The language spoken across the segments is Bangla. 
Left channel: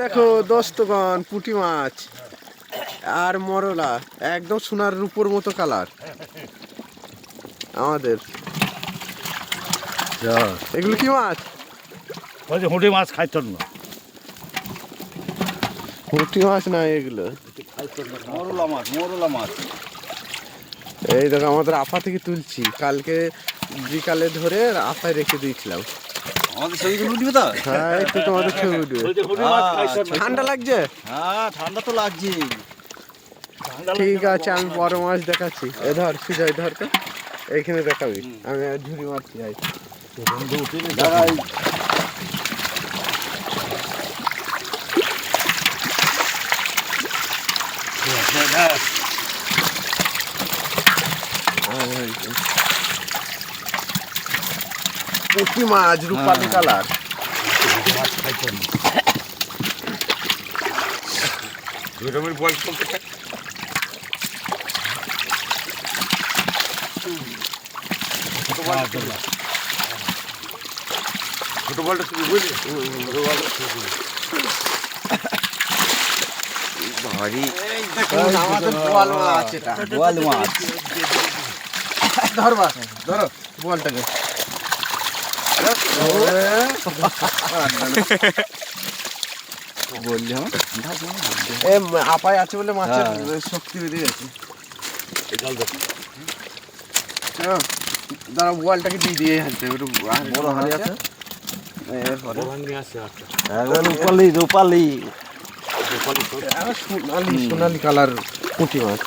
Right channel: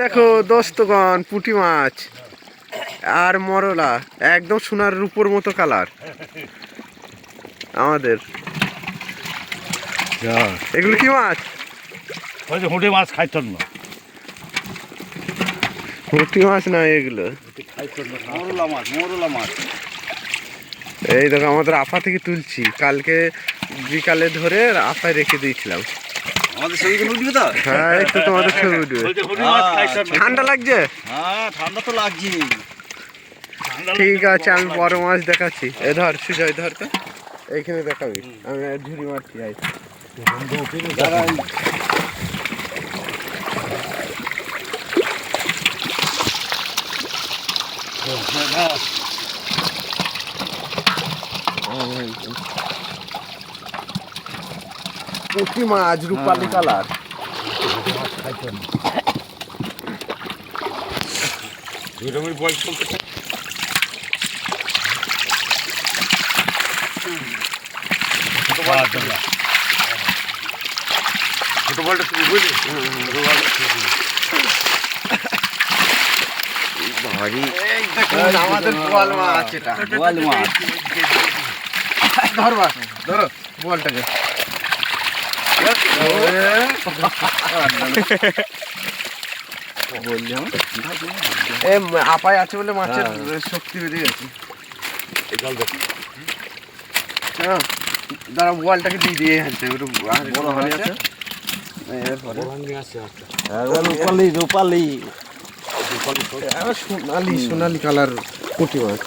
দেখো দোস্তগণ, পুঁটি মাছ আর মরলা একদম সোনার রূপোর মতো কালার আমাদের। এগুলো কি মাছ? ওই যে হুঁটি মাছ খাইতেন না। পুঁটি মাছ না এগুলো, মরলা মাছ, মরলা মাছ। এই দেখো আমাদের আফা থেকে তুলছি, কালকে বিকালে ধরে আফায় রেখে দিয়েছিলাম। হ্যাঁ, একটু তোমাদের ছবি উঠবে। ঠান্ডা লাগছে? হ্যাঁ, ঠান্ডা তো লাগছে। ঠিক আছে, আমি বড় মাছ দেখাচ্ছি। এ ধর সুজয়, ধর তো এইখানে দেখাবি, আমি ঝুড়ি মারছি। আই পুঁটি মাছ রূপালি কালার। আমাদের বোয়াল মাছ, এটা বোয়াল মাছ। ধরবা, ধরো বোয়ালটাকে। আপায় আছে বলে মাছের শক্তি বেড়ে গেছে। দাঁড়া, বোয়ালটাকে দিয়ে দিয়ে হাঁটতে সোনালি সোনালি কালার পুঁটি মাছ।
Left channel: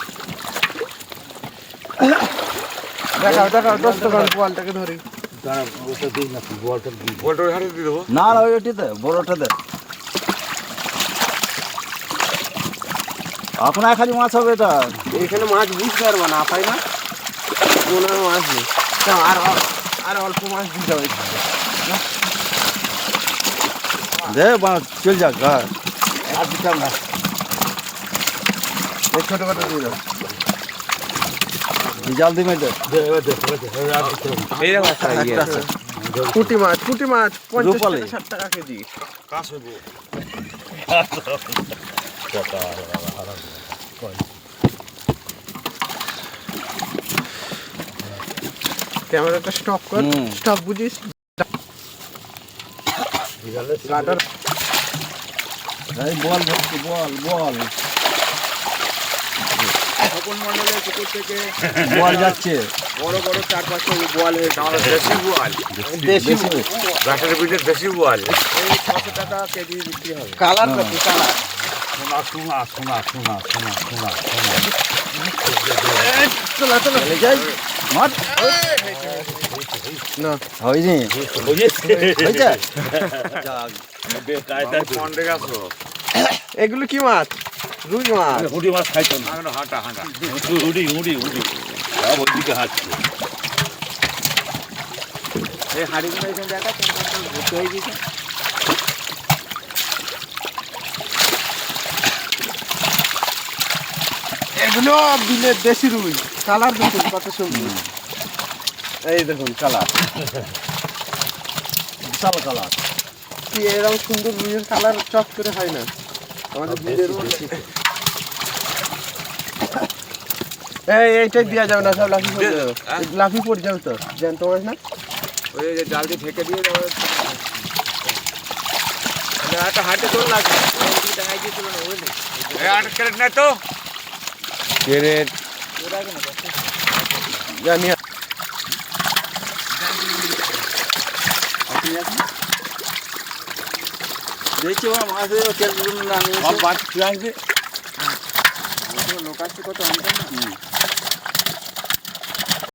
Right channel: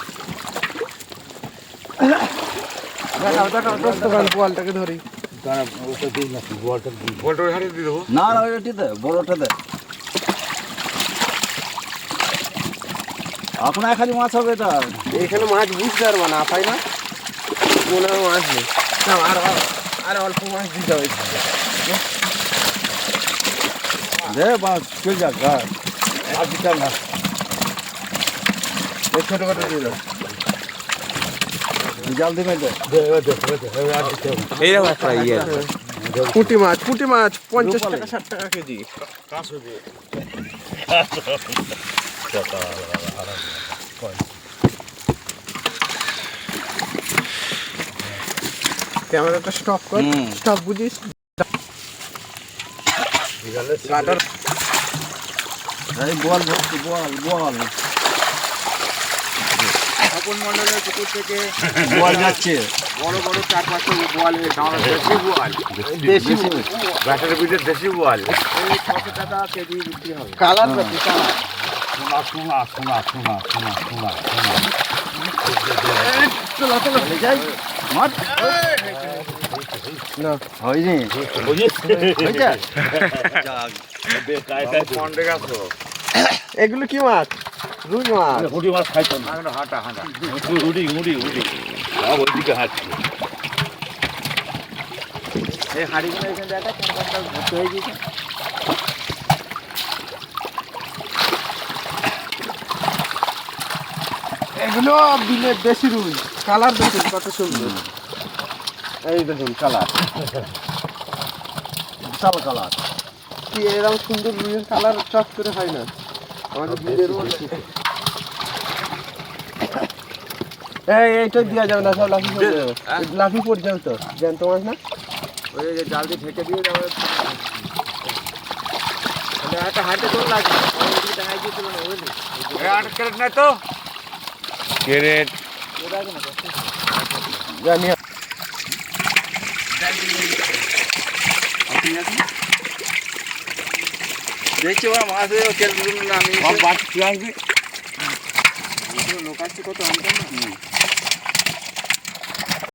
দেখাও দেখাও দোস্তগণ, বোয়ালটাকে ধরি। না না, ওইটাতে বড়টাতে আপনার খালি মাছ হবে। এটা এখানে মাছ বুঝতে পারবো না, আপাই না মনে হয় মাছ নেই। আর আর অল্প মাছ দিতে হবে। দে মাছ চল যাক। আর দিতাম না, এই ছোটো খাটো দিয়ে দাও। জাল দিবে পুঁটি মাছ, পুঁটি মাছ 50 টাকা 60 টাকা কেজি। ক্যামেরাটা স্টপ কর, স্টপ বুঝিস। বল ভর্তি, বল বল। তপন মন্ডলের পুকুর থেকে বল যাচ্ছে। বড় বড় 4-5 বোয়াল, দেশি বোয়াল, দেশি ব্যাটারি বিটের দেশি বোয়াল, এই 600 টাকা কেজি বিক্রি হবে। কালার পাতি কালার। শোনা শোনা শোনা শোনা শোনা শোনা শোনা। চলো চলো যাই না। হয়নি এগুলো কি মাছ? রুই মাছ। হুঁটি মাছ খাইতো না। হাঁটা হাঁটা হুঁটি হুঁটি হুঁটি ওইদিকে হাঁটছে। এই হাড়িগুলো এখানে দেখা ভর্তি হয়ে গেছে। এগুলো বিলের দেশি রুই। কালার দেখুন কত সুন্দর। এই দেখুন কালার, বিশাল কালার। কি এরকম সুন্দর রুইয়ের কালার চট করে হয় না আমাদের বিলের। এইটাই দেওয়া যাবে না, সব লাফি পড়ে যাবে। লাফি পড়ে যাবে তো, জ্যান্ত মাছ না। ওই জাল দিয়ে ঢেকে দিয়ে একটা হাতে করে লাগবে। টাঙাই দিয়েছিল না, বুঝলি? ক্যারেট নাই তো, ক্যারেট জানি। দেখছি মাছ লোক আসছে কত আনতাম না।